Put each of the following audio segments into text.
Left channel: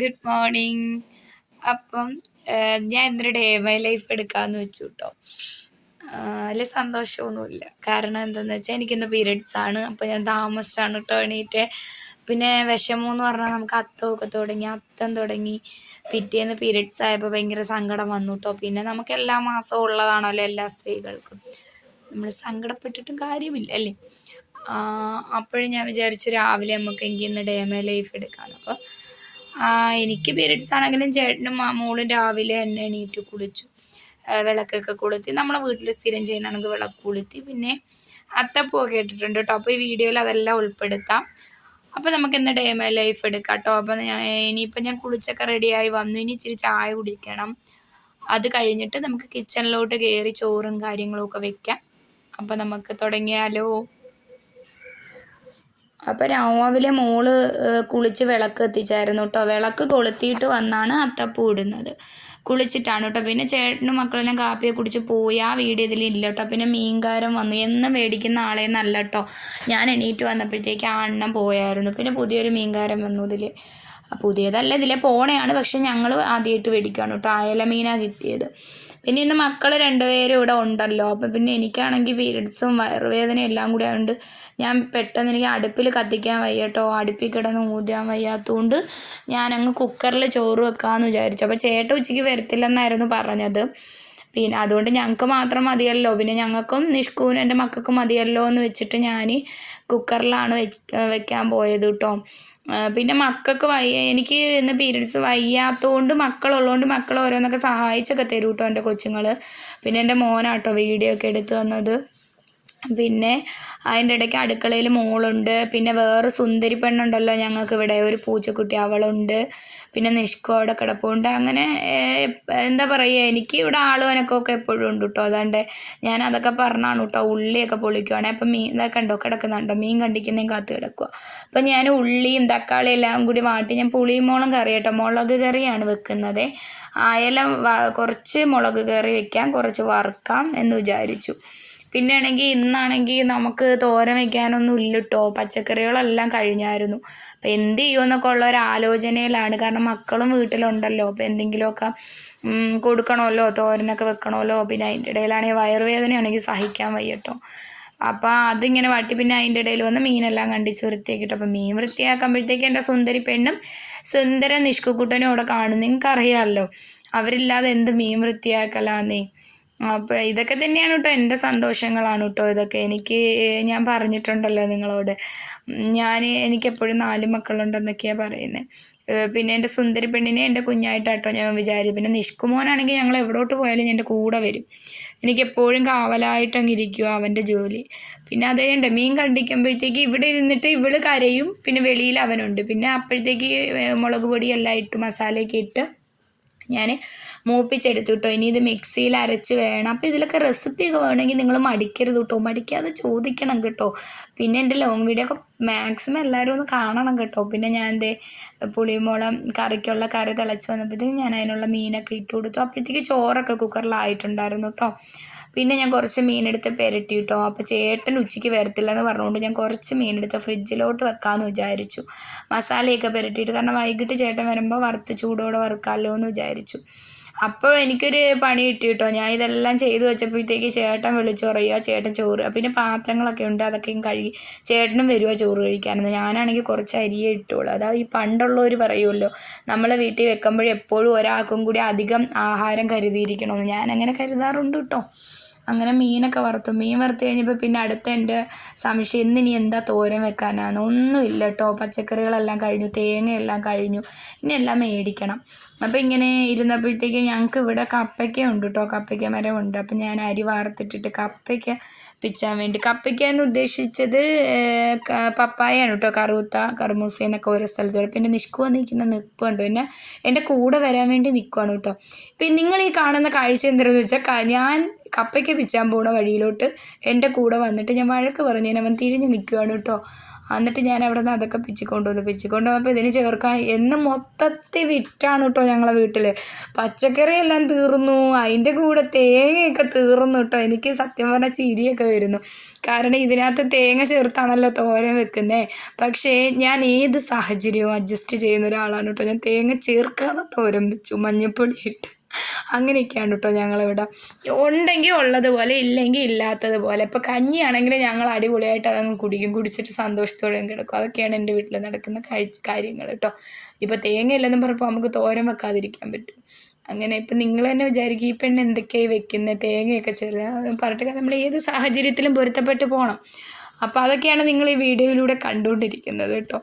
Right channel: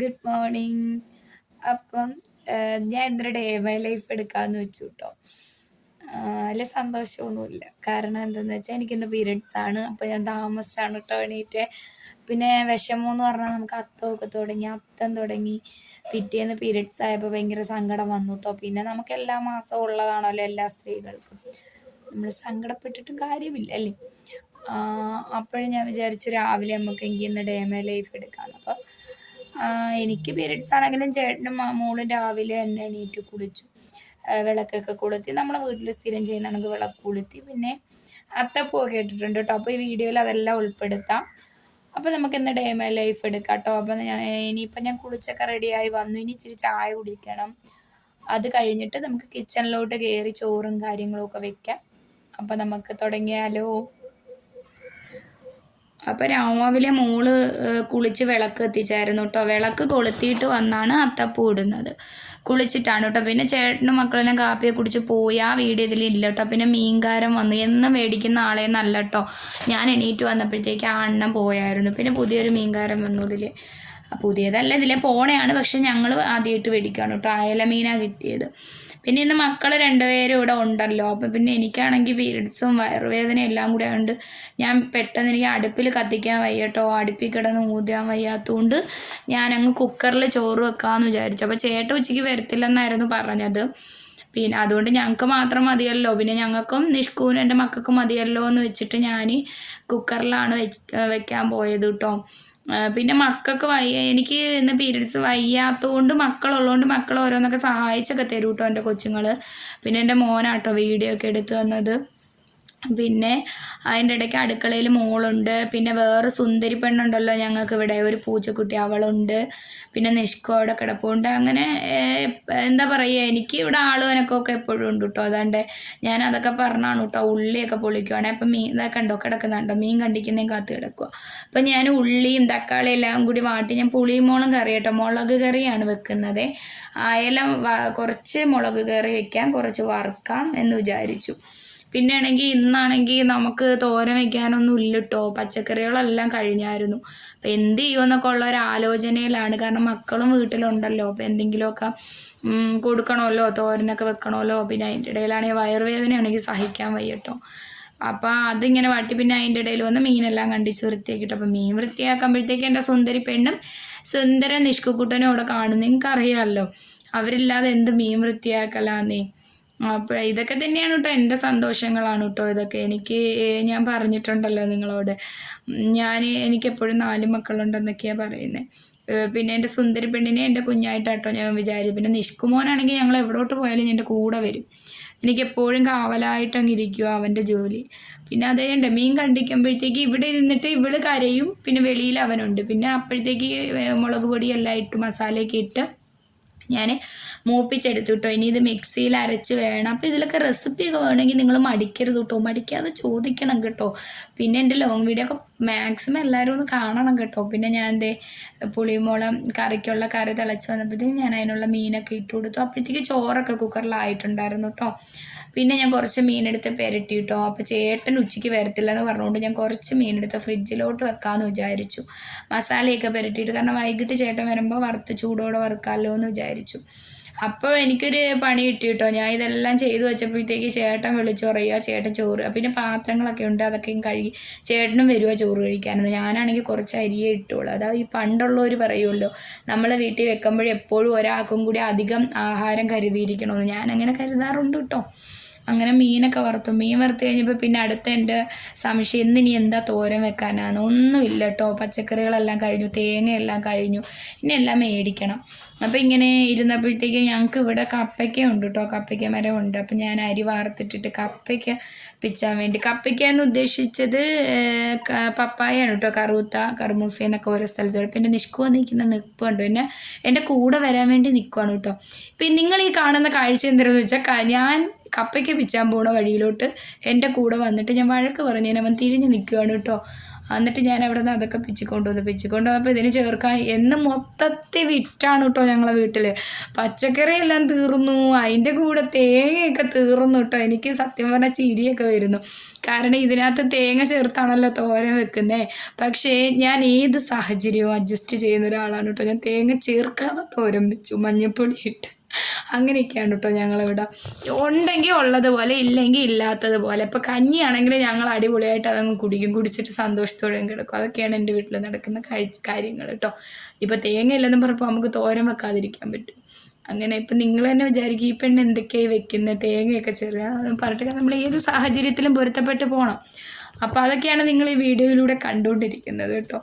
Good morning അപ്പം ഞാൻ ഇന്നൊരു ഡേ മൈ ലൈഫ് എടുക്കാന്ന് വെച്ചു കേട്ടോ അതിൽ സന്തോഷമൊന്നുമില്ല. കാരണം എന്താണെന്ന് വെച്ചാൽ എനിക്കിന്ന് പീരീഡ്സ് ആണ്. അപ്പോൾ ഞാൻ താമസിച്ചാണ് കേട്ടോ എണീറ്റ് പിന്നെ വിഷമം എന്ന് പറഞ്ഞാൽ നമുക്ക് അത്തമൊക്കെ തുടങ്ങി അത്തം തുടങ്ങി. പിറ്റേന്ന് പീരീഡ്സ് ആയപ്പോൾ ഭയങ്കര സങ്കടം വന്നു കേട്ടോ പിന്നെ നമുക്ക് എല്ലാ മാസവും ഉള്ളതാണല്ലോ എല്ലാ സ്ത്രീകൾക്കും. നമ്മൾ സങ്കടപ്പെട്ടിട്ടും കാര്യമില്ല അല്ലേ? അപ്പോഴും ഞാൻ വിചാരിച്ചു രാവിലെ നമുക്ക് എങ്കിൽ ഇന്ന് ഡേ മൈ ലൈഫ് എടുക്കാമെന്ന് അപ്പോൾ എനിക്ക് പീരീഡ്സ് ആണെങ്കിലും ചേട്ടനും മോളും രാവിലെ എന്നെ എണീറ്റ് കുളിച്ചു. വിളക്കൊക്കെ കൊളുത്തി. നമ്മളെ വീട്ടിൽ സ്ഥിരം ചെയ്യുന്ന കണക്ക് വിളക്ക് കൊളുത്തി. പിന്നെ അത്തപ്പൂ ഇട്ടിട്ടുണ്ട് കേട്ടോ. അപ്പോൾ ഈ വീഡിയോയിൽ അതെല്ലാം ഉൾപ്പെടുത്താം. അപ്പോൾ നമുക്ക് ഇന്ന് ഡേ മൈ ലൈഫ് എടുക്കാം കേട്ടോ. അപ്പോൾ ഞാൻ ഇനിയിപ്പോൾ ഞാൻ കുളിച്ചൊക്കെ റെഡിയായി വന്നു. ഇനി ഇച്ചിരി ചായ കുടിക്കണം. അത് കഴിഞ്ഞിട്ട് നമുക്ക് കിച്ചണിലോട്ട് കയറി ചോറും കാര്യങ്ങളും ഒക്കെ വെക്കാം. അപ്പോൾ നമുക്ക് തുടങ്ങിയാലോ? അപ്പോൾ രാവിലെ മോൾ കുളിച്ച് വിളക്ക് എത്തിച്ചായിരുന്നു കേട്ടോ വിളക്ക് കൊളുത്തിയിട്ട് വന്നാണ് അത്തപ്പൂ ഇടുന്നത്. കുളിച്ചിട്ടാണ് കേട്ടോ പിന്നെ ചേട്ടനും മക്കളെല്ലാം കാപ്പിയെ കുടിച്ച് പോയി. ആ വീഡിയോ ഇതിൽ ഇല്ല കേട്ടോ പിന്നെ മീൻകാരൻ വന്നു. എന്നും മേടിക്കുന്ന ആളെ നല്ല കേട്ടോ ഞാൻ എണീറ്റ് വന്നപ്പോഴത്തേക്ക് ആ എണ്ണം പോയായിരുന്നു. പിന്നെ പുതിയൊരു മീൻകാരൻ വന്നു ഇതിൽ പുതിയതല്ല ഇതിലെ പോണയാണ്. പക്ഷെ ഞങ്ങൾ ആദ്യമായിട്ട് മേടിക്കുകയാണ് കേട്ടോ അയല മീനാണ് കിട്ടിയത്. പിന്നെ ഇന്ന് മക്കൾ രണ്ടുപേരും ഇവിടെ ഉണ്ടല്ലോ. അപ്പം പിന്നെ എനിക്കാണെങ്കിൽ പീരീഡ്സും വയറുവേദനയും എല്ലാം കൂടി ആയതുകൊണ്ട് ഞാൻ പെട്ടെന്ന് എനിക്ക് അടുപ്പിൽ കത്തിക്കാൻ വയ്യ കേട്ടോ അടുപ്പിൽ കിടന്ന് മൂതിയാൻ വയ്യാത്തതുകൊണ്ട് ഞാൻ അങ്ങ് കുക്കറിൽ ചോറ് വെക്കാമെന്ന് വിചാരിച്ചു. അപ്പോൾ ചേട്ട ഉച്ചയ്ക്ക് വരത്തില്ലെന്നായിരുന്നു പറഞ്ഞത്. പിന്നെ അതുകൊണ്ട് ഞങ്ങൾക്ക് മാത്രം മതിയല്ലോ. പിന്നെ ഞങ്ങൾക്കും നിഷ്കൂനും എന്റെ മക്കൾക്കും മതിയല്ലോ എന്ന് വെച്ചിട്ട് ഞാൻ കുക്കറിലാണ് വെക്ക വെക്കാൻ പോയത് കേട്ടോ പിന്നെ മക്കൾക്ക് വയ്യ എനിക്ക് ഇന്ന് പീരീഡ്സ് വയ്യാത്തതുകൊണ്ട് മക്കളുള്ളതുകൊണ്ട് മക്കൾ ഓരോന്നൊക്കെ സഹായിച്ചൊക്കെ തരും കേട്ടോ എന്റെ കൊച്ചുങ്ങൾ പിന്നെ എന്റെ മോനാട്ടോ വീഡിയോ ഒക്കെ എടുത്തു തന്നത്. പിന്നെ അതിന്റെ ഇടയ്ക്ക് അടുക്കളയിൽ മോളുണ്ട്. പിന്നെ വേറെ സുന്ദരി പെണ്ണുണ്ടല്ലോ ഞങ്ങൾക്ക് ഇവിടെ. ഒരു പൂച്ചക്കുട്ടി അവളുണ്ട്. പിന്നെ നിഷ്കോ അവിടെ കിടപ്പുണ്ട്. അങ്ങനെ എന്താ പറയുക എനിക്ക് ഇവിടെ ആളും എനക്കൊക്കെ എപ്പോഴും ഉണ്ട് കേട്ടോ അതാണ്ട് ഞാൻ അതൊക്കെ പറഞ്ഞാണ് കേട്ടോ ഉള്ളിയൊക്കെ പൊളിക്കുവാണേ. അപ്പം മീൻ ഇതൊക്കെ ഉണ്ടോ കിടക്കുന്നുണ്ടോ? മീൻ കണ്ടിക്കുന്നതും കാത്ത് കിടക്കുക അപ്പം ഞാൻ ഉള്ളിയും തക്കാളി എല്ലാം കൂടി വാട്ടി ഞാൻ പുളിയും മുളകും കറി കേട്ടോ. മുളക് കറിയാണ് വെക്കുന്നത്. അയല കുറച്ച് മുളക് കറി വെക്കാം. കുറച്ച് വറുക്കാം എന്ന് വിചാരിച്ചു. പിന്നെ ആണെങ്കിൽ ഇന്നാണെങ്കിൽ നമുക്ക് തോരൻ വെക്കാനൊന്നും ഇല്ല കേട്ടോ പച്ചക്കറികളെല്ലാം കഴിഞ്ഞായിരുന്നു. അപ്പം എന്ത് ചെയ്യുമെന്നൊക്കെ ഉള്ള ഒരു ആലോചനയിലാണ്. കാരണം മക്കളും വീട്ടിലുണ്ടല്ലോ. അപ്പം എന്തെങ്കിലുമൊക്കെ കൊടുക്കണമല്ലോ. തോരനൊക്കെ വെക്കണമല്ലോ. പിന്നെ അതിന്റെ ഇടയിലാണെങ്കിൽ വയറുവേദനയാണെങ്കിൽ സഹിക്കാൻ വയ്യട്ടോ. അപ്പം അപ്പോൾ അതിങ്ങനെ വാട്ടി. പിന്നെ അതിന്റെ ഇടയിൽ വന്ന് മീനെല്ലാം കണ്ടിച്ച് വൃത്തിയാക്കിയിട്ട്. അപ്പോൾ മീൻ വൃത്തിയാക്കുമ്പോഴത്തേക്ക് എന്റെ സുന്ദരി പെണ്ണും സുന്ദര നിഷ്കുക്കുട്ടനും അവിടെ കാണും നിങ്ങൾക്കറിയാമല്ലോ. അവരില്ലാതെ എന്ത് മീൻ വൃത്തിയാക്കലാന്നേ. അപ്പോൾ ഇതൊക്കെ തന്നെയാണ് കേട്ടോ എന്റെ സന്തോഷങ്ങളാണ് കേട്ടോ ഇതൊക്കെ. എനിക്ക് ഞാൻ പറഞ്ഞിട്ടുണ്ടല്ലോ നിങ്ങളോട്. ഞാൻ എനിക്ക് എപ്പോഴും നാല് മക്കളുണ്ടെന്നൊക്കെയാണ് പറയുന്നത് പിന്നെ എന്റെ സുന്ദരി പെണ്ണിനെ എന്റെ കുഞ്ഞായിട്ടാട്ടോ ഞാൻ വിചാരിച്ചു പിന്നെ നിഷ്കുമോനാണെങ്കിൽ ഞങ്ങൾ എവിടോട്ട് പോയാലും എന്റെ കൂടെ വരും. എനിക്കെപ്പോഴും കാവലായിട്ടങ്ങ് ഇരിക്കുക അവന്റെ ജോലി. പിന്നെ അതേ ഉണ്ട് മീൻ കണ്ടിക്കുമ്പോഴത്തേക്ക് ഇവിടെ ഇരുന്നിട്ട് ഇവൾ കരയും പിന്നെ വെളിയിൽ അവനുണ്ട്. പിന്നെ അപ്പോഴത്തേക്ക് മുളക് പൊടി എല്ലാം ഇട്ട് മസാലയൊക്കെ ഇട്ട് ഞാൻ മൂപ്പിച്ചെടുത്തു കേട്ടോ ഇനി ഇത് മിക്സിയിൽ അരച്ച് വേണം. അപ്പോൾ ഇതിലൊക്കെ റെസിപ്പിയൊക്കെ വേണമെങ്കിൽ നിങ്ങൾ മടിക്കരുത് കേട്ടോ മടിക്കാതെ ചോദിക്കണം കേട്ടോ. പിന്നെ എന്റെ ലോങ് വീഡിയോ ഒക്കെ മാക്സിമം എല്ലാവരും ഒന്ന് കാണണം കേട്ടോ. പിന്നെ ഞാൻ എന്തേ പുളിമുളം കറിക്കുള്ള കറി തിളച്ച് വന്നപ്പോഴത്തേക്കും ഞാൻ അതിനുള്ള മീനൊക്കെ ഇട്ട് കൊടുത്തു. അപ്പോഴത്തേക്ക് ചോറൊക്കെ കുക്കറിലായിട്ടുണ്ടായിരുന്നു കേട്ടോ പിന്നെ ഞാൻ കുറച്ച് മീനെടുത്ത് പെരട്ടി കേട്ടോ അപ്പോൾ ചേട്ടൻ ഉച്ചയ്ക്ക് വരത്തില്ല എന്ന് പറഞ്ഞുകൊണ്ട് ഞാൻ കുറച്ച് മീനെടുത്ത് ഫ്രിഡ്ജിലോട്ട് വെക്കാമെന്ന് വിചാരിച്ചു. മസാലയൊക്കെ പെരട്ടിയിട്ട്. കാരണം വൈകിട്ട് ചേട്ടൻ വരുമ്പോൾ വറുത്ത് ചൂടോടെ വറുക്കാമല്ലോ എന്ന് വിചാരിച്ചു. അപ്പോൾ എനിക്കൊരു പണി കിട്ടി കേട്ടോ ഞാൻ ഇതെല്ലാം ചെയ്തു വെച്ചപ്പോഴത്തേക്ക് ചേട്ടൻ വിളിച്ചു പറയുക ചേട്ടൻ ചോറ് പിന്നെ പാത്രങ്ങളൊക്കെ ഉണ്ട് അതൊക്കെയും കഴുകി ചേട്ടനും വരുമോ ചോറ് കഴിക്കാനെന്ന്. ഞാനാണെങ്കിൽ കുറച്ച് അരിയേ ഇട്ടുള്ളൂ അതാ ഈ പണ്ടുള്ളവർ പറയുമല്ലോ നമ്മളെ വീട്ടിൽ വെക്കുമ്പോഴും എപ്പോഴും ഒരാൾക്കും കൂടി അധികം ആഹാരം കരുതിയിരിക്കണമെന്ന്. ഞാൻ അങ്ങനെ കരുതാറുണ്ട് കേട്ടോ. അങ്ങനെ മീനൊക്കെ വറുത്തു. മീൻ വറുത്ത് കഴിഞ്ഞപ്പോൾ പിന്നെ അടുത്ത എന്റെ സംശയം ഇന്ന് ഇനി എന്താ തോരൻ വെക്കാനാണ് ഒന്നുമില്ല കേട്ടോ. പച്ചക്കറികളെല്ലാം കഴിഞ്ഞു തേങ്ങയെല്ലാം കഴിഞ്ഞു. ഇനി എല്ലാം മേടിക്കണം. അപ്പോൾ ഇങ്ങനെ ഇരുന്നപ്പോഴത്തേക്കും ഞങ്ങൾക്ക് ഇവിടെ കപ്പയ്ക്ക ഉണ്ട് കേട്ടോ കപ്പയ്ക്ക മരം ഉണ്ട്. അപ്പം ഞാൻ അരി വാർത്തിട്ടിട്ട് കപ്പയ്ക്ക പിച്ചാൻ വേണ്ടി കപ്പയ്ക്ക എന്ന് ഉദ്ദേശിച്ചത് പപ്പായാണ് കേട്ടോ കറുത്ത കറുമൂസ എന്നൊക്കെ ഓരോ സ്ഥലത്ത് പറയും പിന്നെ നിഷ്കുവ നിൽക്കുന്ന നിൽപ്പുണ്ട് പിന്നെ എന്റെ കൂടെ വരാൻ വേണ്ടി നിൽക്കുവാണ് കേട്ടോ ഇപ്പം നിങ്ങൾ ഈ കാണുന്ന കാഴ്ച എന്താണെന്ന് വെച്ചാൽ ഞാൻ കപ്പയ്ക്ക പിച്ചാൻ പോണ വഴിയിലോട്ട് എന്റെ കൂടെ വന്നിട്ട് ഞാൻ വഴക്ക് പറഞ്ഞു അവൻ തിരിഞ്ഞ് നിൽക്കുകയാണ് കേട്ടോ എന്നിട്ട് ഞാൻ അവിടെ നിന്ന് അതൊക്കെ പിച്ചിക്കൊണ്ട് വന്നു. പിച്ചിക്കൊണ്ട് വന്നപ്പോൾ ഇതിന് ചേർക്കാൻ എന്ന് മൊത്തത്തിൽ വിറ്റാണ് കേട്ടോ ഞങ്ങളെ വീട്ടിൽ പച്ചക്കറി എല്ലാം തീർന്നു. അതിന്റെ കൂടെ തേങ്ങയൊക്കെ തീർന്നു കേട്ടോ. എനിക്ക് സത്യം പറഞ്ഞാൽ ചിരിയൊക്കെ വരുന്നു. കാരണം ഇതിനകത്ത് തേങ്ങ ചേർത്താണല്ലോ തോരൻ വെക്കുന്നത് പക്ഷേ ഞാൻ ഏത് സാഹചര്യവും അഡ്ജസ്റ്റ് ചെയ്യുന്ന ഒരാളാണ് കേട്ടോ. ഞാൻ തേങ്ങ ചേർക്കാതെ തോരൻ വെച്ചു. മഞ്ഞൾപ്പൊടി ഇട്ട്. അങ്ങനെയൊക്കെയാണ് കേട്ടോ ഞങ്ങളിവിടെ. ഉണ്ടെങ്കിൽ ഉള്ളതുപോലെ ഇല്ലെങ്കിൽ ഇല്ലാത്തതുപോലെ. ഇപ്പോൾ കഞ്ഞിയാണെങ്കിൽ ഞങ്ങൾ അടിപൊളിയായിട്ട് അതങ്ങ് കുടിക്കും. കുടിച്ചിട്ട് സന്തോഷത്തോടെ കിടക്കും. അതൊക്കെയാണ് എന്റെ വീട്ടിൽ നടക്കുന്ന കാര്യങ്ങൾ കേട്ടോ. ഇപ്പോൾ തേങ്ങ ഇല്ലെന്നും പറഞ്ഞപ്പോൾ നമുക്ക് തോരൻ വെക്കാതിരിക്കാൻ പറ്റും. അങ്ങനെ ഇപ്പം നിങ്ങൾ തന്നെ വിചാരിക്കും ഈ പെണ്ണ് എന്തൊക്കെയായി വെക്കുന്നത് തേങ്ങയൊക്കെ ചെറുക പറഞ്ഞിട്ട് നമ്മൾ ഏത് സാഹചര്യത്തിലും പൊരുത്തപ്പെട്ട് പോകണം അപ്പോൾ അതൊക്കെയാണ് നിങ്ങൾ ഈ വീഡിയോയിലൂടെ കണ്ടുകൊണ്ടിരിക്കുന്നത് കേട്ടോ.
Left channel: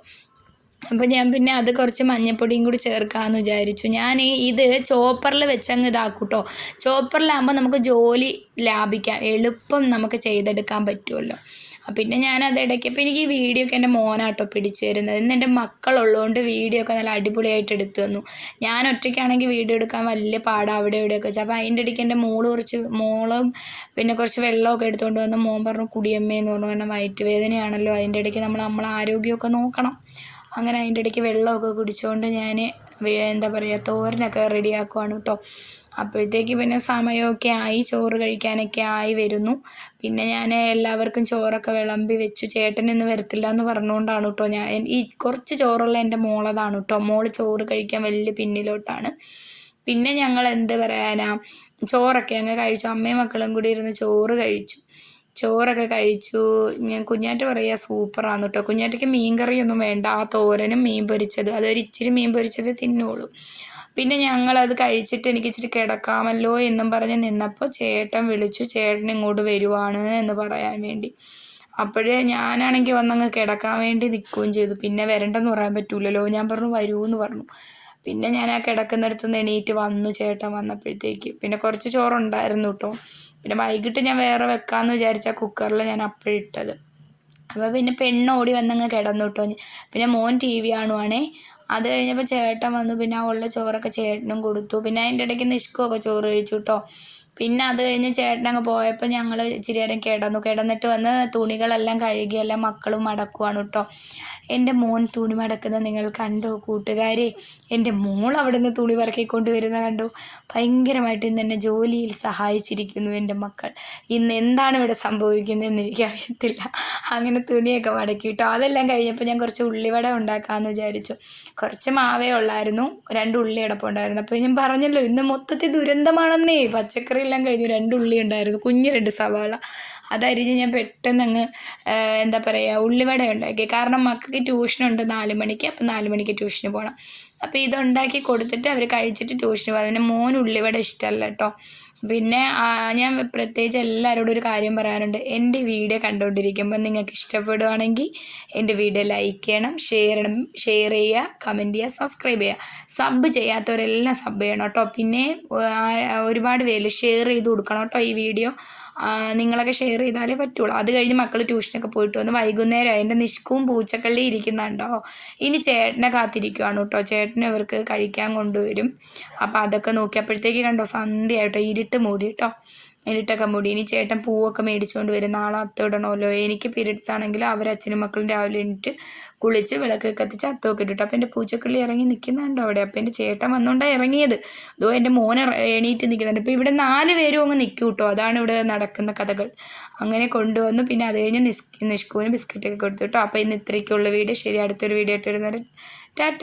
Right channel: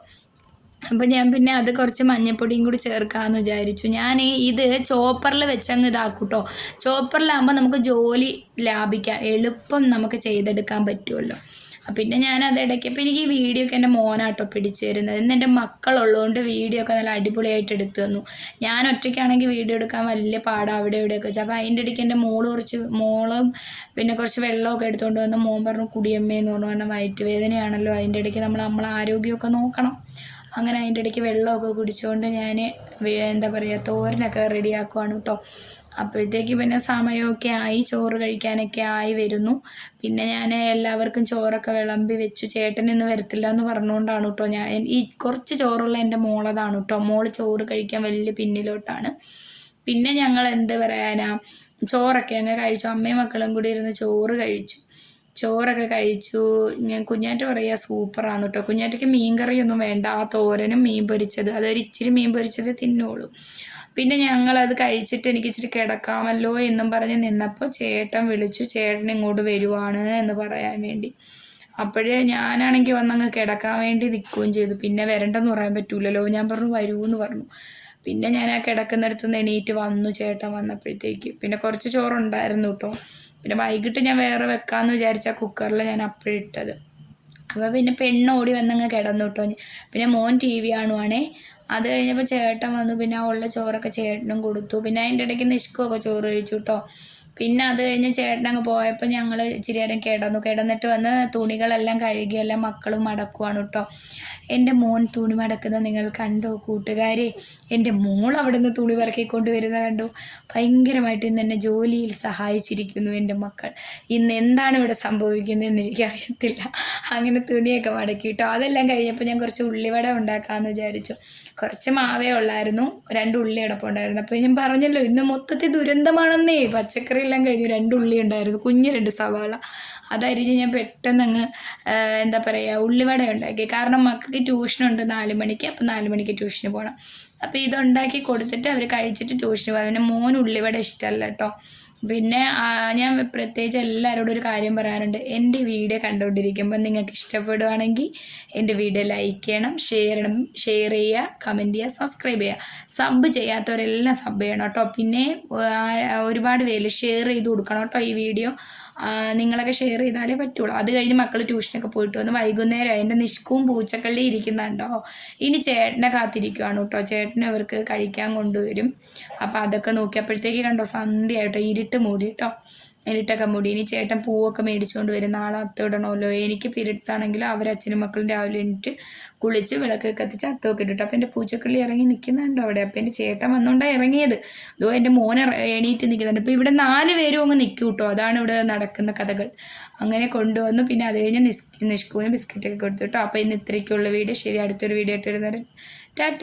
അപ്പോൾ ഞാൻ പിന്നെ അത് കുറച്ച് മഞ്ഞപ്പൊടിയും കൂടി ചേർക്കാമെന്ന് വിചാരിച്ചു. ഞാൻ ഇത് ചോപ്പറിൽ വെച്ചങ്ങ് ഇതാക്കും കേട്ടോ ചോപ്പറിലാകുമ്പോൾ നമുക്ക് ജോലി ലാഭിക്കാം. എളുപ്പം നമുക്ക് ചെയ്തെടുക്കാൻ പറ്റുമല്ലോ പിന്നെ ഞാൻ അത് ഇടയ്ക്ക് എനിക്ക് ഈ വീഡിയോ ഒക്കെ എന്റെ മോനാട്ടോ പിടിച്ചു തരുന്നത്. ഇന്ന് എന്റെ മക്കളുള്ളതുകൊണ്ട് വീഡിയോ ഒക്കെ നല്ല അടിപൊളിയായിട്ട് എടുത്തു തന്നു. ഞാൻ ഒറ്റയ്ക്കാണെങ്കിൽ വീഡിയോ എടുക്കാൻ വലിയ പാടാണ് അവിടെ ഇവിടെയൊക്കെ വെച്ചാൽ അപ്പോൾ അതിന്റെ ഇടയ്ക്ക് എന്റെ മോൾ കുറച്ച് മോളും പിന്നെ കുറച്ച് വെള്ളമൊക്കെ എടുത്തുകൊണ്ട് വന്ന് മോൻ പറഞ്ഞു കുടിയമ്മയെന്ന് പറഞ്ഞു കാരണം വയറ്റുവേദനയാണല്ലോ. അതിന്റെ ഇടയ്ക്ക് നമ്മൾ നമ്മളെ ആരോഗ്യമൊക്കെ നോക്കണം. അങ്ങനെ അതിന്റെ ഇടയ്ക്ക് വെള്ളമൊക്കെ കുടിച്ചുകൊണ്ട് ഞാൻ എന്താ പറയുക തോരനൊക്കെ റെഡിയാക്കുവാണ് കേട്ടോ അപ്പോഴത്തേക്ക് പിന്നെ സമയമൊക്കെ ആയി ചോറ് കഴിക്കാനൊക്കെ ആയി വരുന്നു. പിന്നെ ഞാൻ എല്ലാവർക്കും ചോറൊക്കെ വിളമ്പി വെച്ചു. ചേട്ടൻ ഇന്ന് വരത്തില്ല എന്ന് പറഞ്ഞുകൊണ്ടാണ് കേട്ടോ ഞാൻ. ഈ കുറച്ച് ചോറുള്ള എന്റെ മോളതാണ് കേട്ടോ മോൾ ചോറ് കഴിക്കാൻ വലിയ പിന്നിലോട്ടാണ്. പിന്നെ ഞങ്ങൾ എന്ത് പറയാനാ ചോറൊക്കെ അങ്ങ് കഴിച്ചു. അമ്മയും മക്കളും കൂടി ഇരുന്ന് ചോറ് കഴിച്ചു. ചോറൊക്കെ കഴിച്ചു. ഞാൻ കുഞ്ഞാറ്റ പറയുക സൂപ്പറാന്ന് കേട്ടോ കുഞ്ഞാറ്റയ്ക്ക് മീൻ കറിയൊന്നും വേണ്ട. ആ തോരനും മീൻ പൊരിച്ചത്. അതൊരു ഇച്ചിരി മീൻ പൊരിച്ചത് തിന്നോളൂ പിന്നെ ഞങ്ങളത് കഴിച്ചിട്ട് എനിക്ക് ഇച്ചിരി കിടക്കാമല്ലോ എന്നും പറഞ്ഞ് നിന്നപ്പോൾ ചേട്ടൻ വിളിച്ചു ചേട്ടൻ ഇങ്ങോട്ട് വരുവാണ് എന്ന് പറയാൻ വേണ്ടി. അപ്പോഴേ ഞാനാണെങ്കിൽ വന്നങ്ങ് കിടക്കാൻ വേണ്ടി നിൽക്കുകയും ചെയ്തു. പിന്നെ വരണ്ടെന്ന് പറയാൻ പറ്റൂലല്ലോ. ഞാൻ പറഞ്ഞു വരൂ എന്ന് പറഞ്ഞു. പിന്നെ ഞാൻ ആ കിടക്കുന്നിടത്ത് നിന്ന് എണീറ്റ് വന്നു ചേട്ടൻ വന്നപ്പോഴത്തേക്ക്. പിന്നെ കുറച്ച് ചോറുണ്ടായിരുന്നു കേട്ടോ പിന്നെ വൈകിട്ട് ഞാൻ വേറെ വെക്കാമെന്ന് വിചാരിച്ച കുക്കറിൽ ഞാൻ അപ്പോഴിട്ടത് അപ്പോൾ പിന്നെ പെണ്ണ് ഓടി വന്നങ്ങ് കിടന്നു കേട്ടോ പിന്നെ മോൻ ടി വി കാണുവാണേ. അത് കഴിഞ്ഞപ്പോൾ ചേട്ടൻ വന്നു. പിന്നെ ഉള്ള ചോറൊക്കെ ചേട്ടനും കൊടുത്തു. പിന്നെ അതിന്റെ ഇടയ്ക്ക് നിഷ്കുമൊക്കെ ചോറ് കഴിച്ചു കേട്ടോ പിന്നെ അത് കഴിഞ്ഞ് ചേട്ടനങ്ങ് പോയപ്പോൾ ഞങ്ങൾ ഇച്ചിരി നേരം കിടന്നു. കിടന്നിട്ട് വന്ന് തുണികളെല്ലാം കഴുകി എല്ലാം മക്കളും മടക്കുവാണ് കേട്ടോ എന്റെ മോൻ തുണി മടക്കുന്നത് നിങ്ങൾ കണ്ടോ കൂട്ടുകാരെ? എന്റെ മോൾ അവിടെ നിന്ന് തുണി പറക്കിക്കൊണ്ട് വരുന്നത് കണ്ടു? ഭയങ്കരമായിട്ട് ഇന്ന് എന്നെ ജോലിയിൽ സഹായിച്ചിരിക്കുന്നു എന്റെ മക്കൾ. ഇന്ന് എന്താണ് ഇവിടെ സംഭവിക്കുന്നതെന്ന് എനിക്കറിയത്തില്ല. അങ്ങനെ തുണിയൊക്കെ മടക്കി കിട്ടും അതെല്ലാം കഴിഞ്ഞപ്പോൾ ഞാൻ കുറച്ച് ഉള്ളിവട ഉണ്ടാക്കാമെന്ന് വിചാരിച്ചു. കുറച്ച് മാവേ ഉള്ളായിരുന്നു. രണ്ട് ഉള്ളി അടപ്പുണ്ടായിരുന്നു അപ്പോൾ ഞാൻ പറഞ്ഞല്ലോ ഇന്ന് മൊത്തത്തിൽ ദുരന്തമാണെന്നേ. പച്ചക്കറി എല്ലാം കഴിഞ്ഞു. രണ്ട് ഉള്ളി ഉണ്ടായിരുന്നു. കുഞ്ഞു രണ്ട് സവാള. അതരിഞ്ഞ് ഞാൻ പെട്ടെന്ന് അങ്ങ് എന്താ പറയുക ഉള്ളിവട ഉണ്ടാക്കി. കാരണം മക്കൾക്ക് ട്യൂഷനുണ്ട് നാല് മണിക്ക് അപ്പം നാല് മണിക്ക് ട്യൂഷന് പോകണം അപ്പോൾ ഇതുണ്ടാക്കി കൊടുത്തിട്ട് അവർ കഴിച്ചിട്ട് ട്യൂഷന് പോകും പിന്നെ മോൻ ഉള്ളിവട ഇഷ്ടമല്ല കേട്ടോ. പിന്നെ ഞാൻ പ്രത്യേകിച്ച് എല്ലാവരോടും ഒരു കാര്യം പറയാനുണ്ട് എന്റെ വീഡിയോ കണ്ടുകൊണ്ടിരിക്കുമ്പോൾ നിങ്ങൾക്ക് ഇഷ്ടപ്പെടുവാണെങ്കിൽ എന്റെ വീഡിയോ ലൈക്ക് ചെയ്യണം ഷെയർ ചെയ്യണം ഷെയർ ചെയ്യുക കമന്റ് ചെയ്യുക സബ്സ്ക്രൈബ് ചെയ്യുക. സബ് ചെയ്യാത്തവരെല്ലാം സബ് ചെയ്യണം കേട്ടോ. പിന്നെ ഒരുപാട് പേര് ഷെയർ ചെയ്ത് കൊടുക്കണം കേട്ടോ ഈ വീഡിയോ നിങ്ങളൊക്കെ ഷെയർ ചെയ്താലേ പറ്റുള്ളൂ. അത് കഴിഞ്ഞ് മക്കൾ ട്യൂഷനൊക്കെ പോയിട്ട് വന്ന് വൈകുന്നേരം അതിന്റെ നിഷ്കവും പൂച്ചക്കള്ളി ഇരിക്കുന്നുണ്ടോ? ഇനി ചേട്ടനെ കാത്തിരിക്കുവാണ് കേട്ടോ. ചേട്ടനും ഇവർക്ക് കഴിക്കാൻ കൊണ്ടുവരും. അപ്പോൾ അതൊക്കെ നോക്കിയപ്പോഴത്തേക്ക് കണ്ടോ സന്ധ്യയായിട്ടോ. ഇരുട്ട് മൂടി കേട്ടോ. ഇരുട്ടൊക്കെ മൂടി. ഇനി ചേട്ടൻ പൂവൊക്കെ മേടിച്ചുകൊണ്ട് വരും. നാളെ അത്തിടണമല്ലോ എനിക്ക് പീരീഡ്സ് ആണെങ്കിലും അവരച്ഛനും മക്കളും രാവിലെ എണീറ്റ് കുളിച്ച് വിളക്ക് കത്തിച്ച് അത്തമൊക്കെ ഇട്ടിട്ട്. അപ്പം എന്റെ പൂച്ചക്കിളി ഇറങ്ങി നിൽക്കുന്നുണ്ടോ അവിടെ. അപ്പം എന്റെ ചേട്ടൻ വന്നുകൊണ്ടാണ് ഇറങ്ങിയത്. അതോ എന്റെ മോൻ എണീറ്റ് നിൽക്കുന്നുണ്ട് ഇപ്പോൾ ഇവിടെ നാല് പേരും അങ്ങ് നിൽക്കും കേട്ടോ അതാണ് ഇവിടെ നടക്കുന്ന കഥകൾ. അങ്ങനെ കൊണ്ടുവന്നു. പിന്നെ അത് കഴിഞ്ഞ് നിസ് നിഷ്കുവിന് ബിസ്ക്കറ്റൊക്കെ കൊടുത്തു കേട്ടോ അപ്പോൾ ഇന്ന് ഇത്രയ്ക്കുള്ള വീഡിയോ. ശരി അടുത്തൊരു വീഡിയോ ആയിട്ട് ഇട്ടിരുന്നവർ ടാറ്റ